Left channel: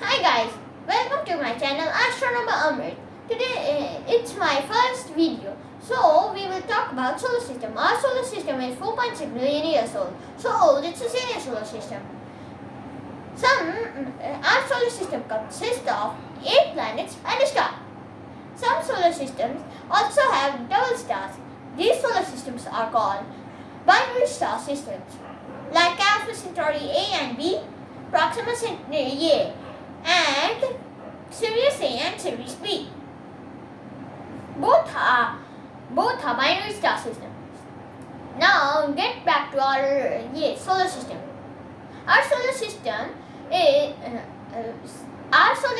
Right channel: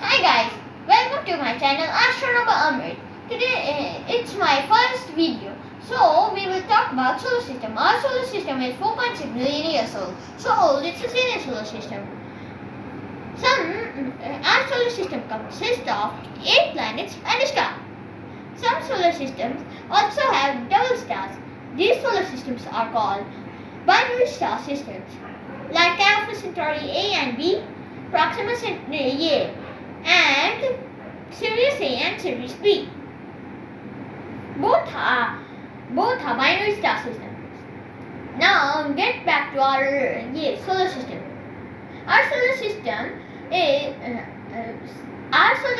Hi guys, welcome to my channel Astronomer Amrit. Today it's my first video. So we will talk about solar system. Our solar system is 4.6 million years old. So old it's a senior solar system. Our solar system consists of 8 planets and a star. Some solar systems also have double stars. These solar systems are called binary star systems, like Alpha Centauri A and B, Proxima Centauri A, and Sirius A and Sirius B. Both are binary star systems. Now get back to our solar system. Our solar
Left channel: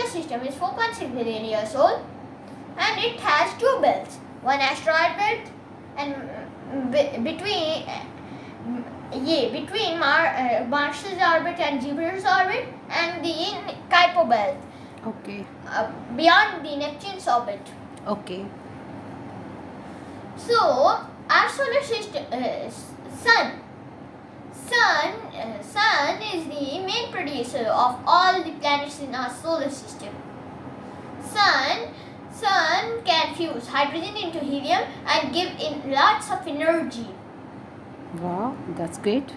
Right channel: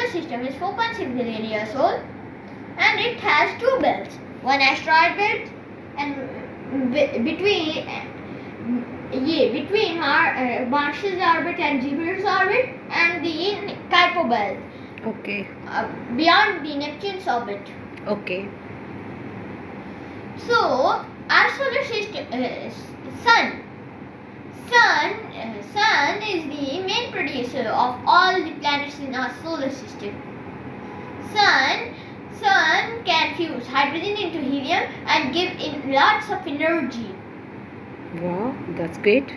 system is 4.6 billion years old, and it has two belts. One asteroid belt, and between Mars's orbit and Jupiter's orbit, and the Kuiper belt. Okay. Beyond the Neptune's orbit. Okay. So our solar system, Sun is the main producer of all the planets in our solar system. Sun can fuse hydrogen into helium and give in lots of energy. Wow, that's great.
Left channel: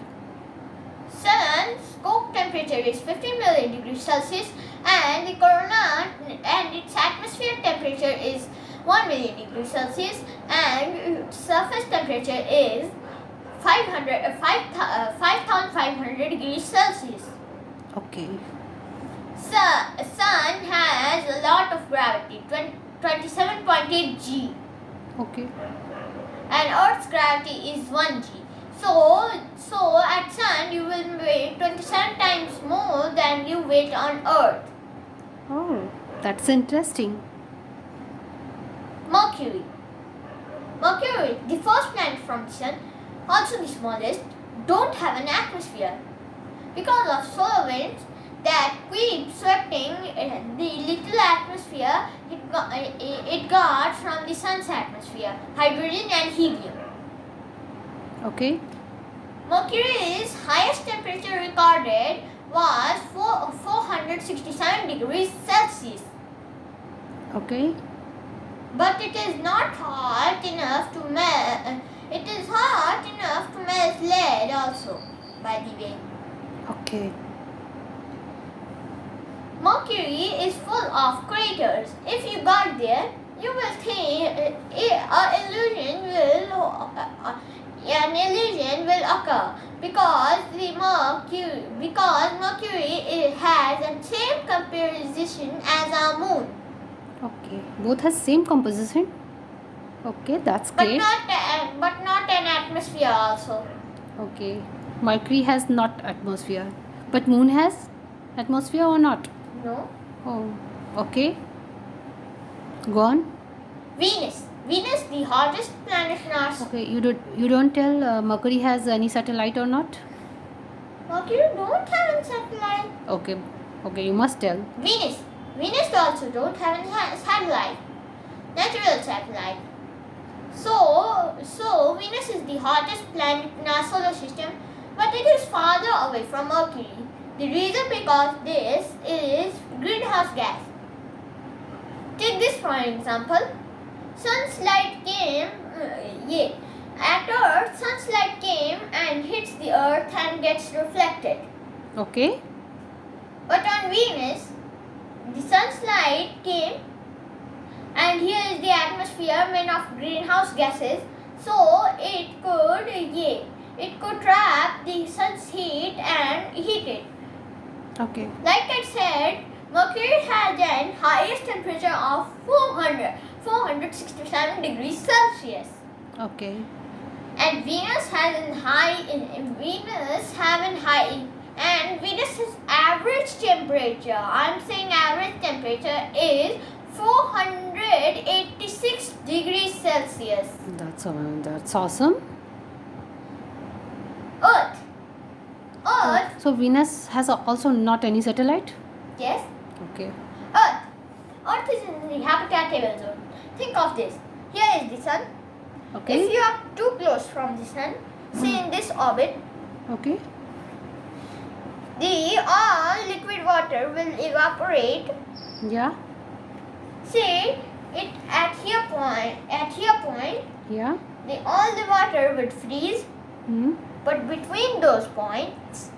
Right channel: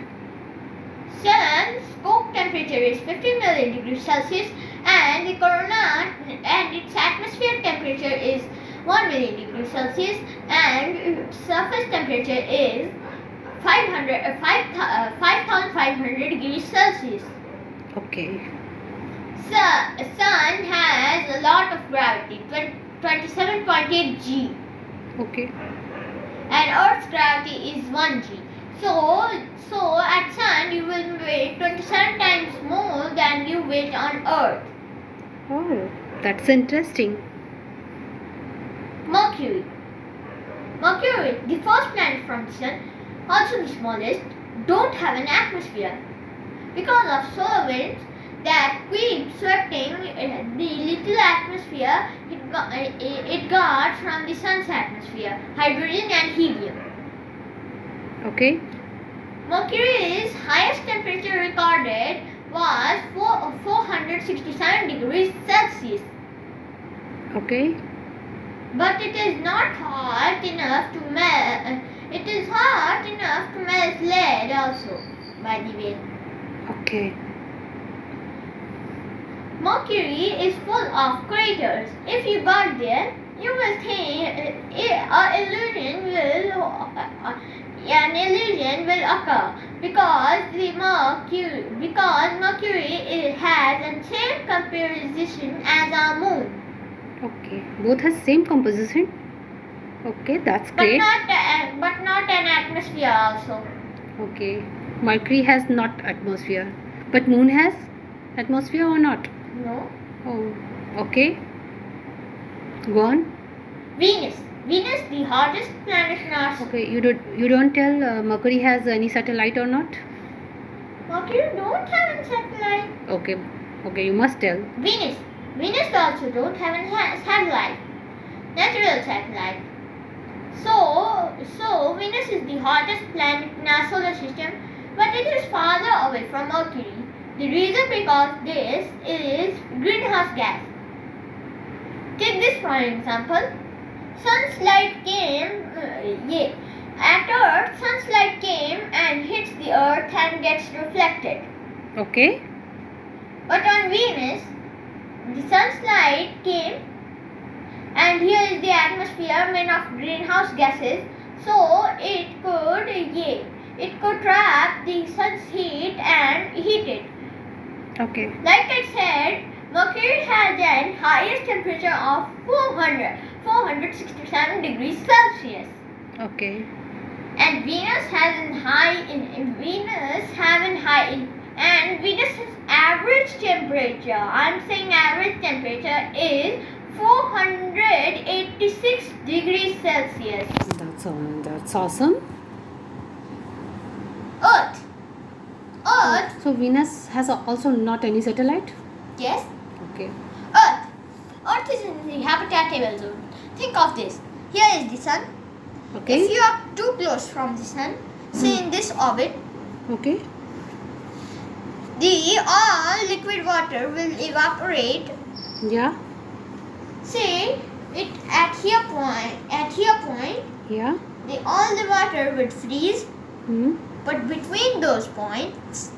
Sun's core temperature is 15 million degrees Celsius, and the corona and its atmosphere temperature is 1 million degrees Celsius, and its surface temperature is 5,500 degrees Celsius. Okay. Sun has a lot of gravity, 27.8 g, Okay. and Earth's gravity is 1 g. So at Sun you will weigh 27 times more than you weight on Earth. Oh, that's interesting. Mercury, the first planet from the Sun, also the smallest, don't have an atmosphere. Because of solar winds that keep sweeping the little atmosphere it got from the Sun's atmosphere, hydrogen and helium. Okay. Mercury's highest temperature recorded was 467 degrees Celsius. Okay. But it is not hot enough to melt. It is hot enough to melt lead also, by the way. Okay. Mercury is full of craters. If you got there, you will think an illusion will occur because Mercury has the same composition as our moon. Okay. Both has same composition. Okay, that's But great. not an atmosphere also. Okay. Mercury has not atmosphere, but Moon has atmosphere or not? No. Oh. Okay. Go on. Venus, the hottest planet in our Okay. You don't tell Mercury has any satellite or not? Mercury don't have a satellite. Okay. Okay. You must tell. Venus also don't have a satellite, natural satellite. So Venus is the hottest planet in our solar system, but it is farther away from Mercury. The reason because this is greenhouse gas. Take this for an example. Sun's light came, at Earth, sun's light came and hits the Earth and gets reflected. Okay. But on Venus, the sun's light came, and here is the atmosphere made of greenhouse gases, so it could trap the sun's heat and heat it. Okay. Like I said, Mercury has an highest temperature of 467 degrees Celsius. Okay. And Venus Venus's average temperature, I'm saying average temperature, is 486 degrees Celsius. That's awesome. Earth. So Venus has also not any satellite? Yes. Okay. Earth is in the habitable zone. Think of this. Here is the sun. Okay. If you are too close from the sun, say in this orbit, Okay. the all liquid liquid water will evaporate. Yeah. Say it at here point, Yeah. all the water would freeze, Hmm. but between those points,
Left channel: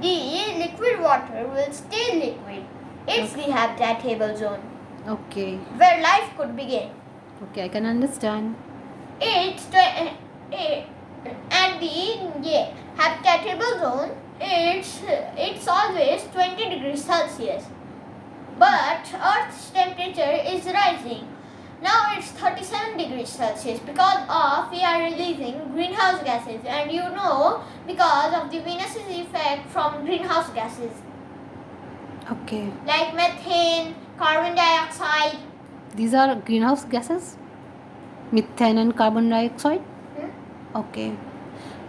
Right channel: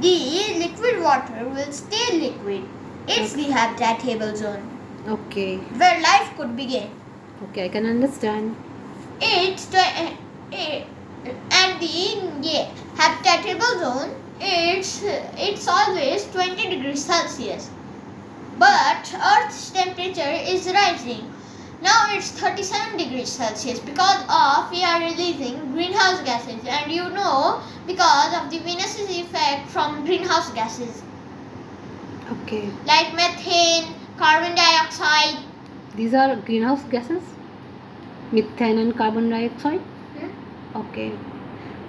the liquid water will stay liquid. It's the habitable zone Okay. where life could begin. Okay, I can understand. And the habitable zone, it's always 20 degrees Celsius. But Earth's temperature is rising. Now it's 37 degrees Celsius because of we are releasing greenhouse gases, and you know, because of the Venus's effect from greenhouse gases Okay. like methane, carbon dioxide. These are greenhouse gases? Methane and carbon dioxide? Okay.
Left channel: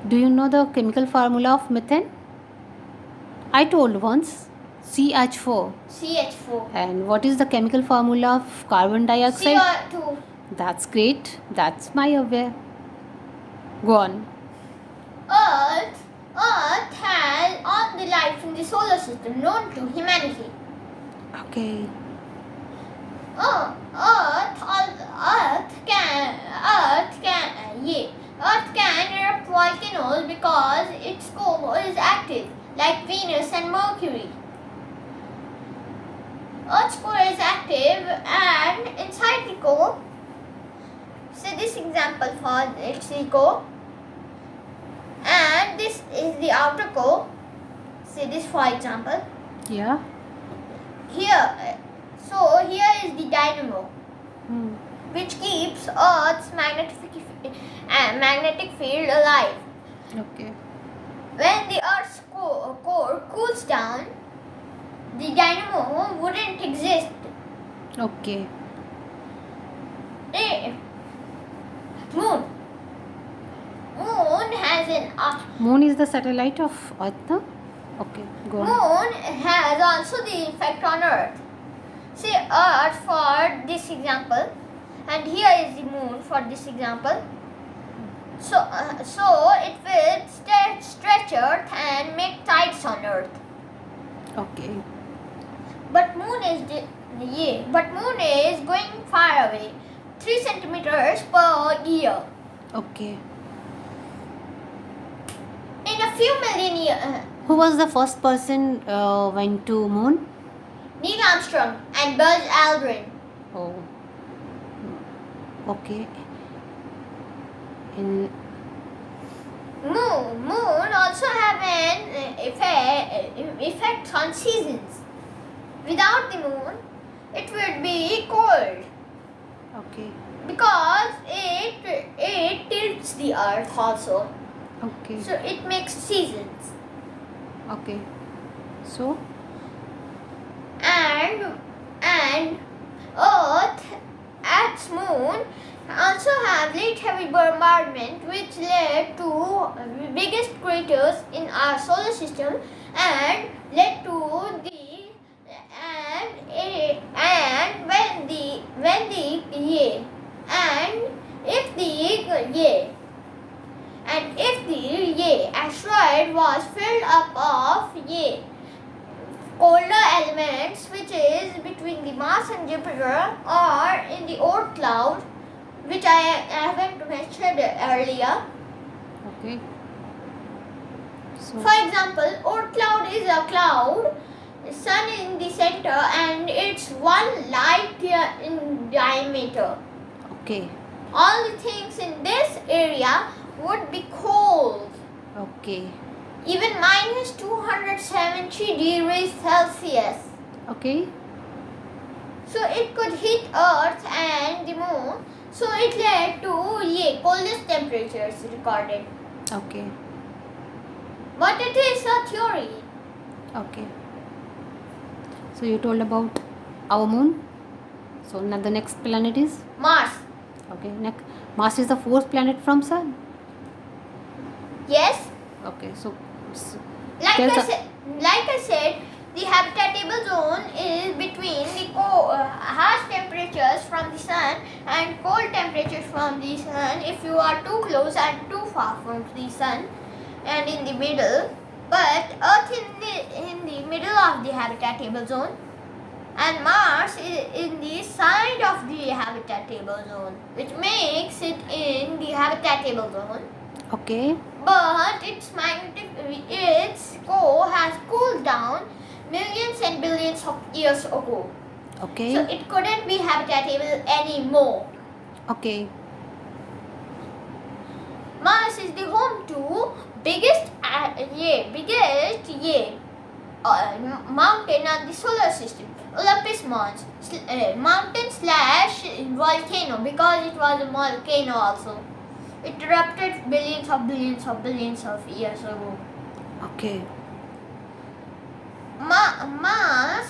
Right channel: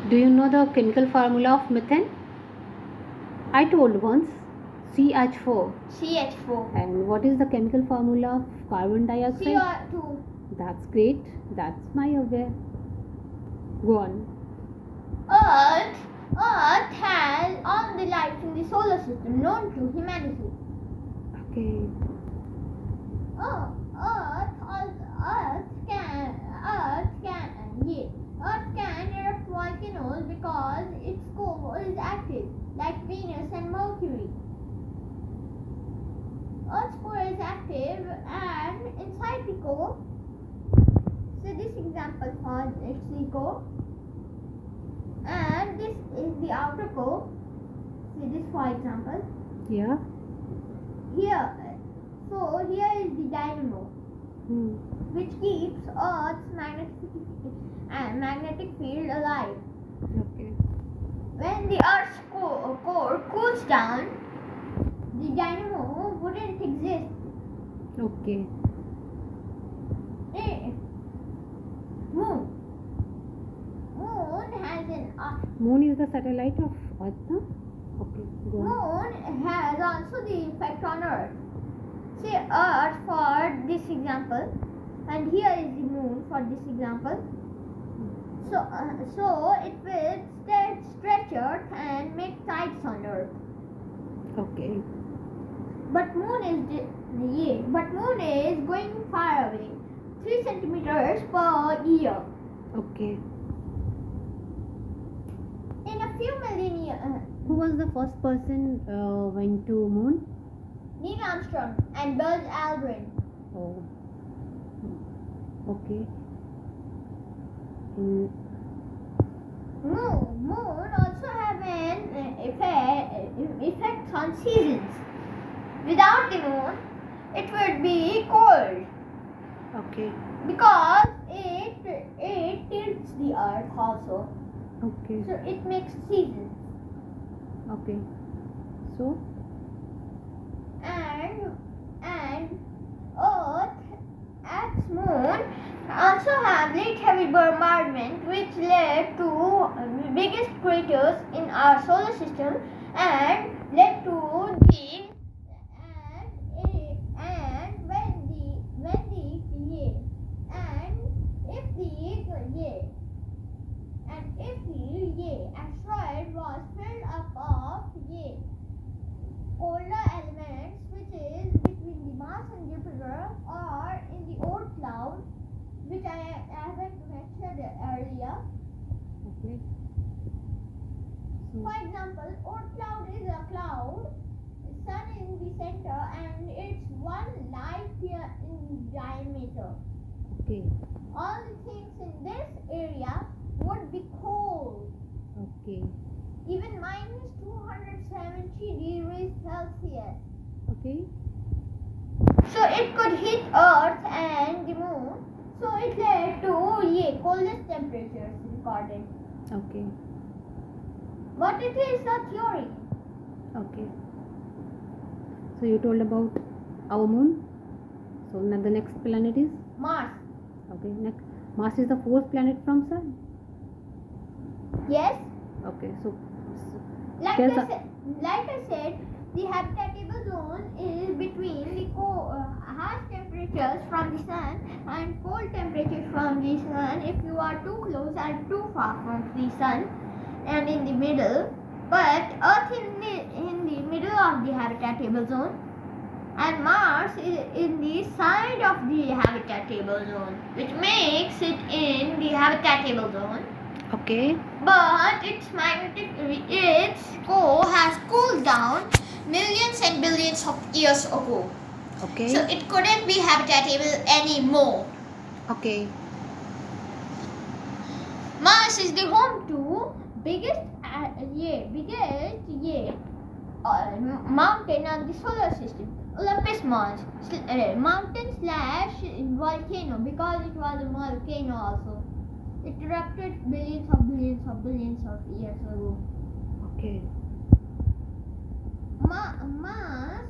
Do you know the chemical formula of methane? I told once. CH4. CH4. And what is the chemical formula of carbon dioxide? CO2. That's great. That's my aware. Go on. Earth has all the life in the solar system known to humanity. Okay. Earth can erupt volcanoes because its core is active, like Venus and Mercury. Earth's core is active, and inside the core, say this example for its the core, and this is the outer core. Say this for example. Yeah. Here is the dynamo, which keeps Earth's magnetic field alive. Okay. When the Earth's core cools down, the dynamo wouldn't exist. Okay. Moon has an Moon is the satellite of Earth, no? Okay. Go on. Moon has also the effect on Earth. Say Earth for this example, and here is the Moon for this example. So it will stretch Earth and make tides on Earth. Okay. But Moon is going far away, 3 centimeters per year. Okay. In a few million years, Who was the first person went to moon? Neil Armstrong and Buzz Aldrin. Oh. Okay. In Moon also have an effect on seasons. Without the moon, it would be cold okay. because it tilts the earth also. Okay. So it makes seasons. Okay. So And Earth at moon also have late heavy bombardment, which led to biggest craters in our solar system and led to the if the asteroid was filled up of colder elements, which is between the Mars and Jupiter, or in the Oort cloud, which I haven't mentioned earlier. okay. So For example, Oort cloud is a cloud, sun in the center, and it's 1 light year in diameter. okay. All the things in this area would be cold, Okay. even minus 270 degrees Celsius. Okay. So it could hit Earth and the moon. So it led to coldest temperatures recorded. Okay. But it is a theory. Okay. So you told about our moon. So now the next planet is Mars. okay. Next, Mars is the fourth planet from Sun. Yes. Okay. So Like There's I said, the habitable zone is between the harsh temperatures from the sun and cold temperatures from the sun. If you are too close and too far from the sun, and in the middle, but Earth in the middle of the habitable zone, and Mars is in the side of the habitable zone, which makes it in the habitable zone. Okay. But its core has cooled down millions and billions of years ago. Okay. So it couldn't be habitable anymore. Okay. Mars is the home to biggest mountain on the solar system, Olympus Mons, mountain slash volcano, because it was a volcano also. It erupted billions of years ago. Okay. Mars,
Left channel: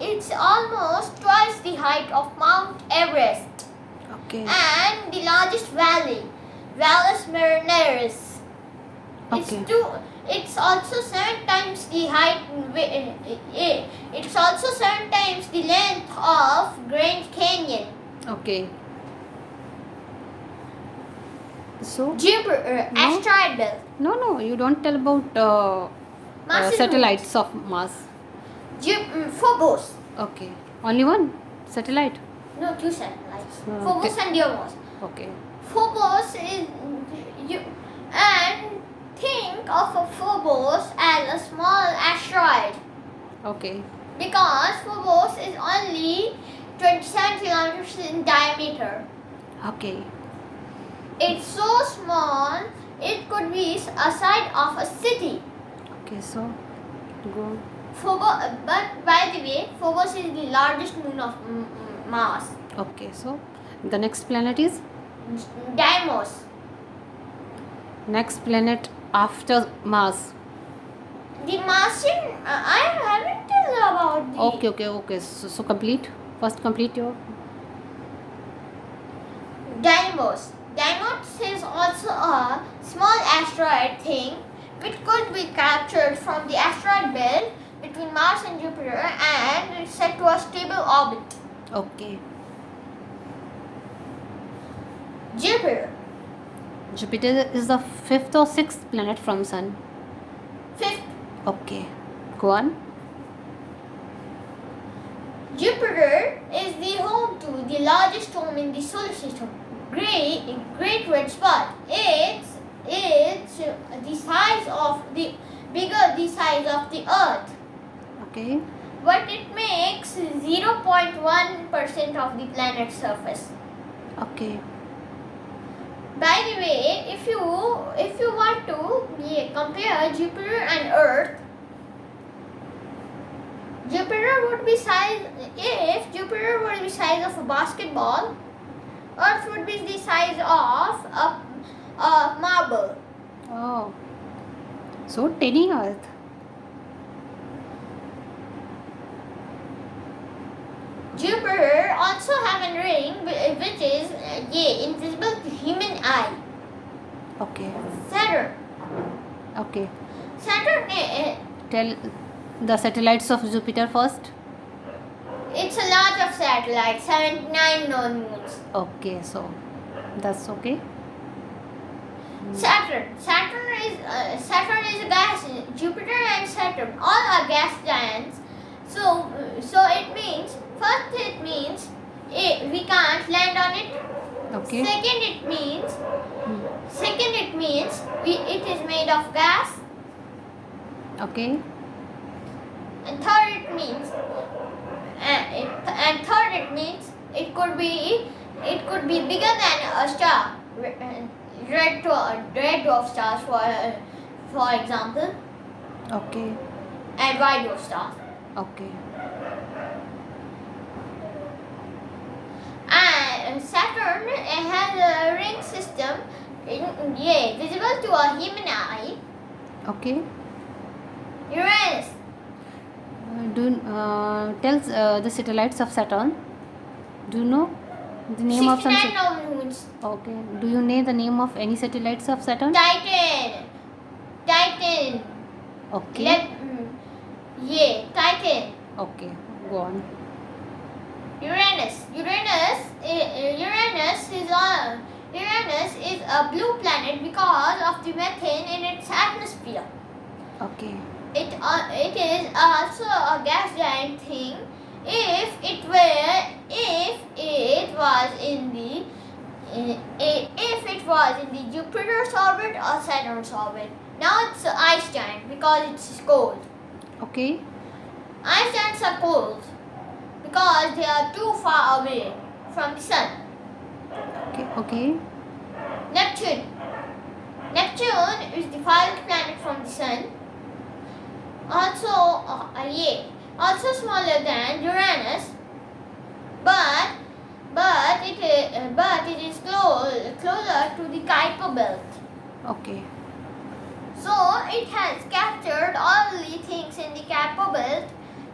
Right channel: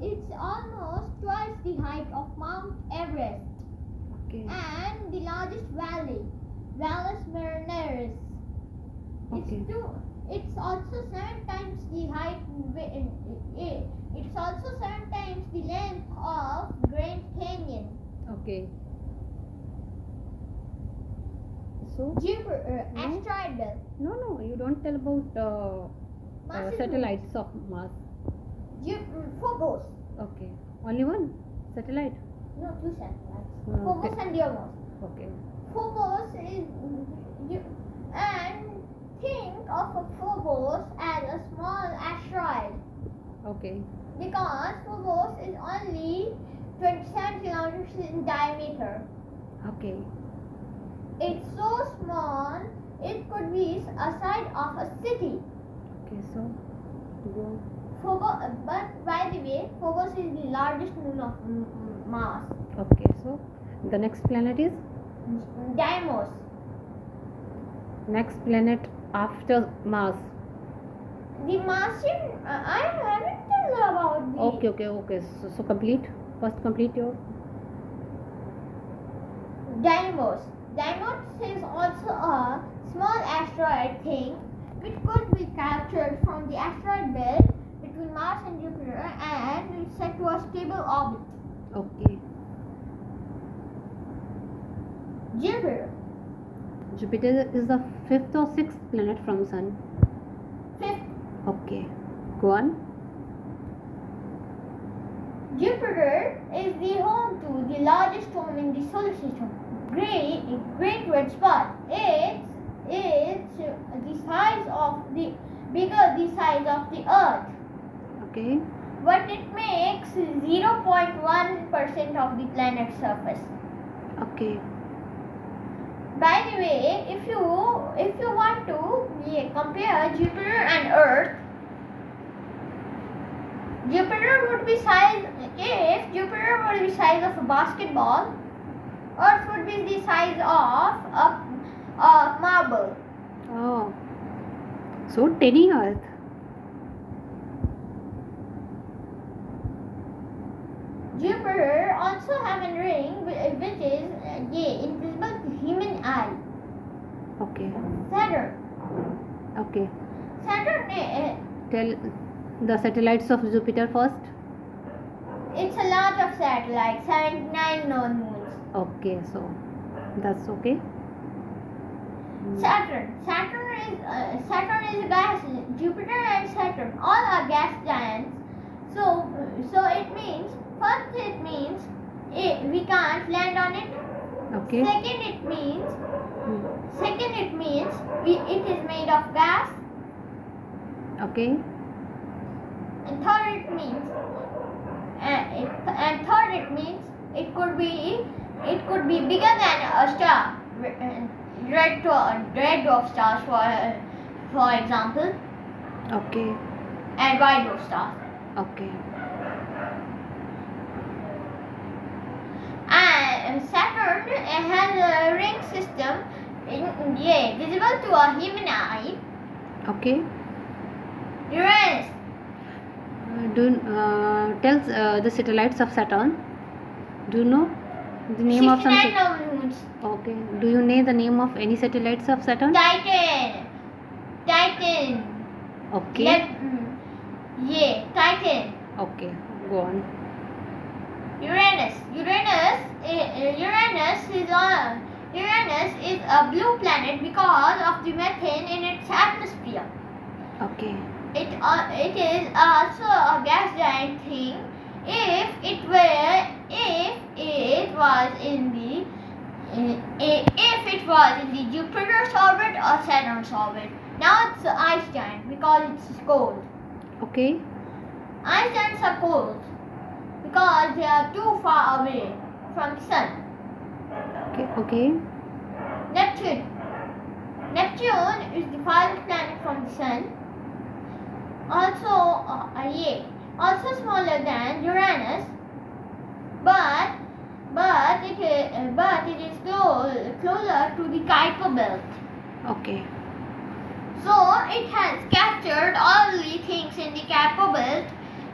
it's almost twice the height of Mount Everest Okay. and the largest valley, Valles Marineris. Okay. It's also 7 times the height. It's also 7 times the length of Grand Canyon. Okay. So Jupiter, No. asteroid belt. no, you don't tell about Mars is satellites of Mars. Phobos. Okay. Only one satellite. No, 2 satellites. Okay. Phobos and Deimos. Okay. Phobos is and think of a Phobos as a small asteroid, Okay. because Phobos is only 27 kilometers in diameter. Okay. It's so small it could be a side of a city. Okay. So go. Phobos, but by the way, Phobos is the largest moon of Mars. Okay. So the next planet is Deimos. next planet after Mars. The Martian, I haven't told about the Okay. So complete. First complete your. Deimos. Deimos is also a small asteroid thing which could be captured from the asteroid belt between Mars and Jupiter and is set to a stable orbit. Okay. Jupiter. Jupiter is the 5th or 6th planet from Sun. 5th. Okay. Go on. Jupiter is the home to the largest storm in the solar system, Great Red Spot. It's the size of the size of the Earth, Okay. but it makes 0.1% of the planet's surface. Okay. By the way, if you want to compare Jupiter and Earth, Jupiter would be size of a basketball. Earth would be the size of a marble. Oh. So tiny Earth. Jupiter also have a ring which is invisible to human eye. Okay. Saturn. Okay. Saturn, Tell the satellites of Jupiter first. it's a lot of satellites, 79 known moons. Okay. So that's okay. Saturn is a gas. Jupiter and Saturn all are gas giants. So it means we can't land on it. Okay. Second, it means it is made of gas. Okay. And third, it could be bigger than a star. Red dwarf stars, for example, Okay. and white dwarf stars. Okay. And Saturn has a ring system, visible to a human eye. Okay. Uranus. Tell the satellites of Saturn. Do you know the name of some? 69 known moons. Okay. Do you know the name of any satellites of Saturn? Titan. Okay. Titan. Okay. Go on. Uranus is a blue planet because of the methane in its atmosphere. Okay. it is also a gas giant thing if it was in the Jupiter's orbit or Saturn's orbit. Now it's an ice giant because it's cold. Okay. Ice giants are cold because they are too far away from the sun. Okay. Neptune. Neptune is the farthest planet from the sun. Also smaller than Uranus, but it is closer to the Kuiper belt. Okay. So it has captured all the things in the Kuiper belt.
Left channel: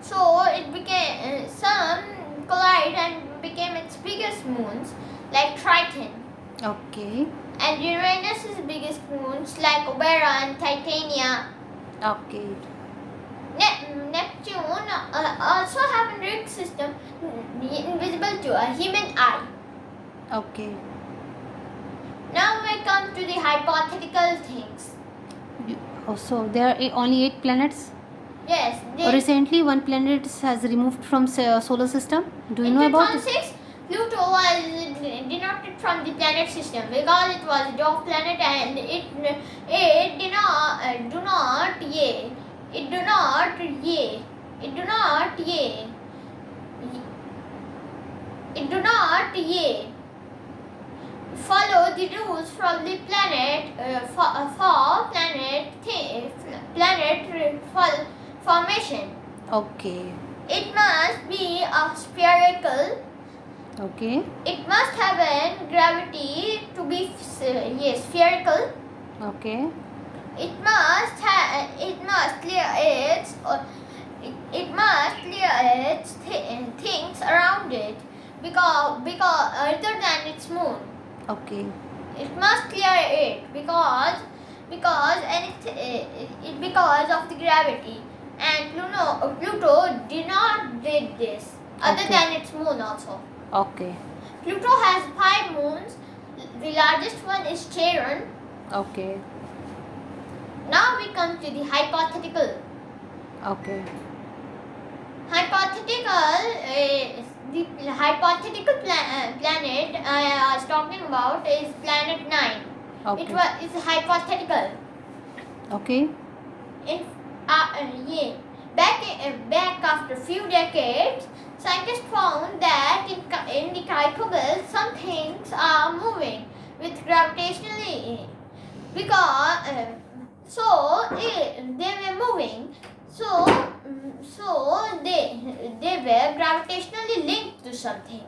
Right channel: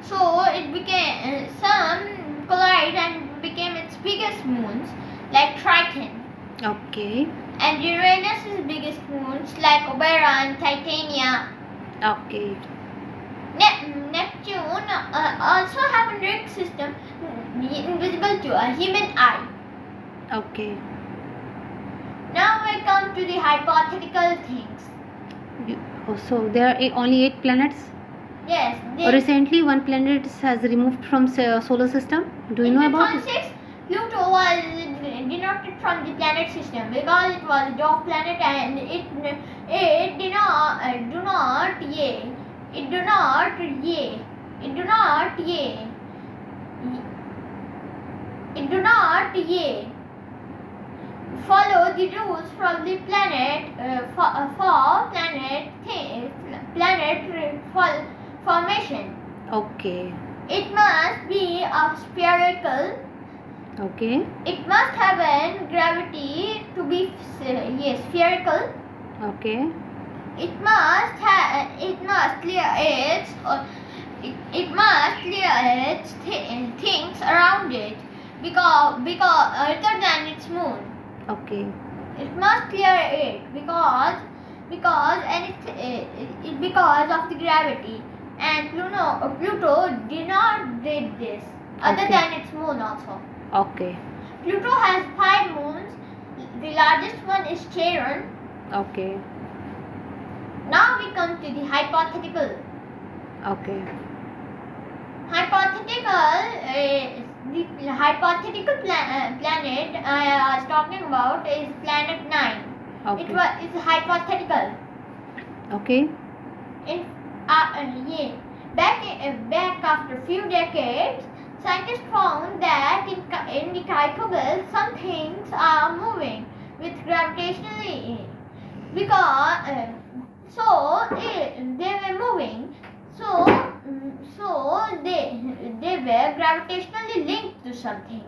So it became some collide and became its biggest moons, like Triton. Okay. And Uranus's biggest moons like Oberon, Titania. Okay. Neptune also have a ring system invisible to a human eye. Okay. Now we come to the hypothetical things. So there are only 8 planets. Yes. Recently, one planet has removed from solar system. Do you know about it? In 2006, Pluto was denoted from the planet system because it was a dwarf planet and it do not follow the rules from the planet for planet formation. Okay. It must be a spherical. Okay. It must have an gravity to be spherical. Okay. It must clear its things around it because other than its moon. Okay. It must clear it because of the gravity, and Pluto did not did this other Okay. than its moon also. Okay. Pluto has 5 moons. The largest one is Charon. Okay. Now we come to the hypothetical. Okay. The hypothetical planet I was talking about is planet 9. Okay. It's hypothetical. Okay. Back after a few decades, scientists found that in the Kuiper belt some things are moving with gravitationally because they were moving. So they were gravitationally linked to something.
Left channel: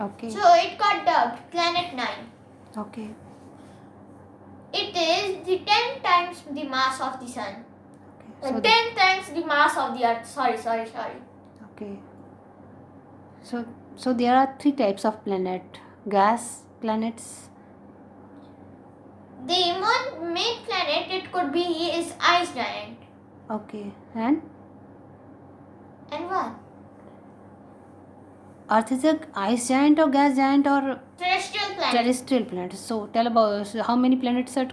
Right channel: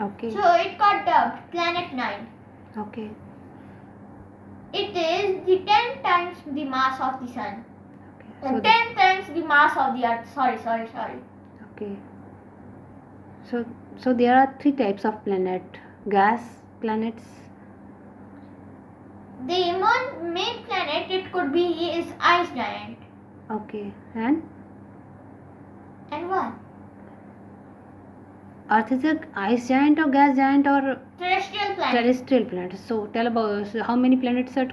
Okay. So it got dubbed Planet 9. Okay. It is the 10 times the mass of the sun. So And 10 times the mass of the earth. Sorry. Okay. So there are 3 types of planet: gas planets. The main planet it could be is ice giant. Okay. And what? Earth is a ice giant or gas giant or Terrestrial planet. terrestrial planet. So tell about how many planets are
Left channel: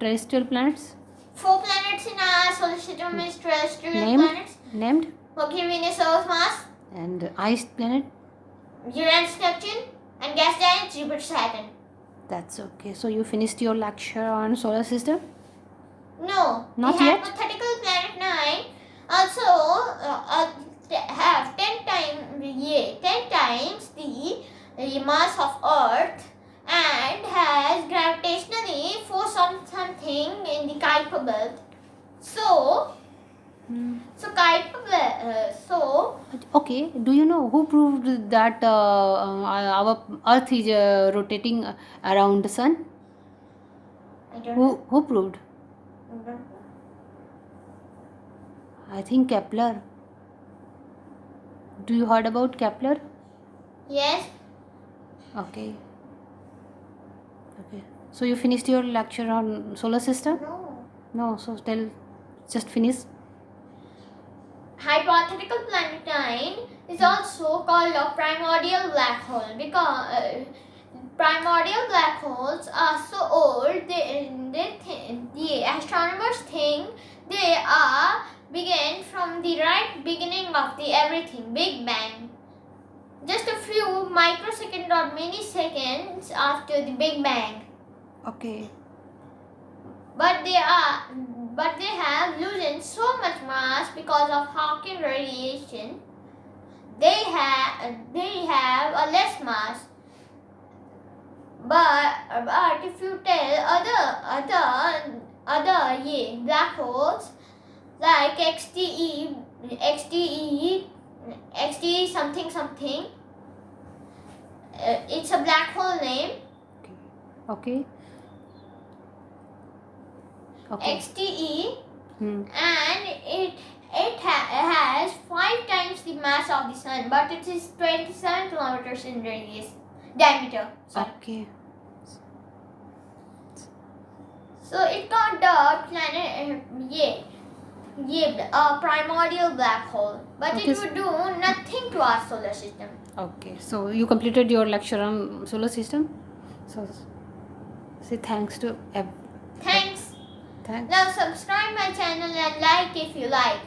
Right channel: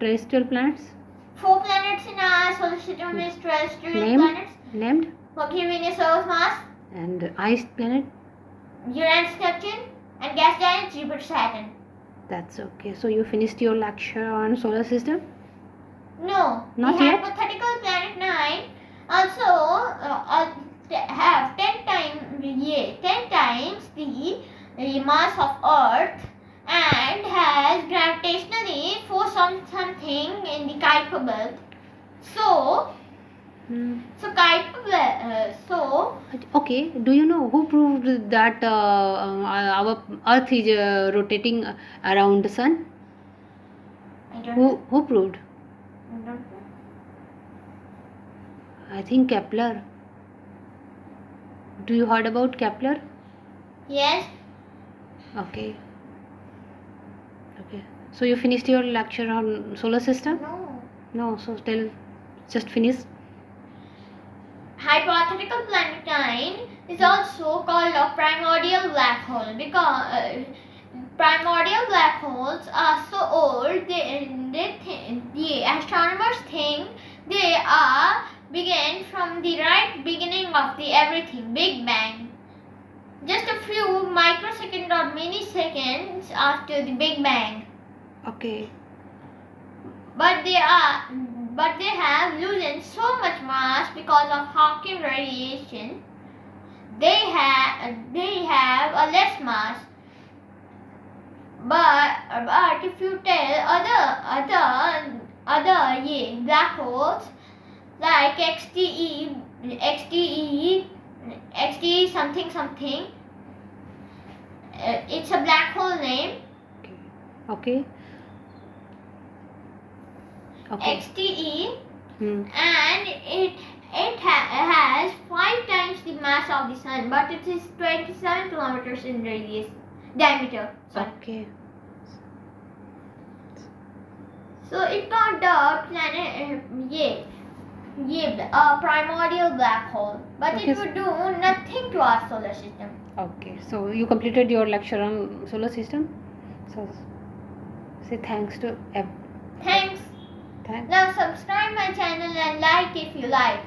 terrestrial planets? 4 planets in our solar system is terrestrial Named? planets. Named? Mercury, Venus, Earth, Mars, And ice planet? Uranus, Neptune, and gas giant Jupiter, Saturn. That's okay. So you finished your lecture on solar system? No. Not the yet? hypothetical planet 9 also have 10 times the mass of Earth and has gravitationally force on something in the Kuiper belt. So Okay. Do you know who proved that our Earth is rotating around the sun? I don't know. Who proved? I don't know. I think Kepler. Do you heard about Kepler? Yes. Okay. So you finished your lecture on solar system? No. No. So just finish. Hypothetical planet 9 is also called a primordial black hole because primordial black holes are so old the astronomers think they are began from the right beginning of the everything, Big Bang. Just a few microseconds or milliseconds after the Big Bang. Okay. But they have loosened so much mass because of Hawking radiation. They have a less mass. But if you tell other black holes like XTE something something, it's a black hole name. Okay. Okay. XTE, Hmm. and it has 5 times the mass of the sun, but it is 27 kilometers in diameter. Sorry. Okay. So it got the planet primordial black hole, but Okay. it would do nothing to our solar system. Okay. So you completed your lecture on solar system. So say thanks to Thanks. thanks. Now subscribe my channel and like if you like.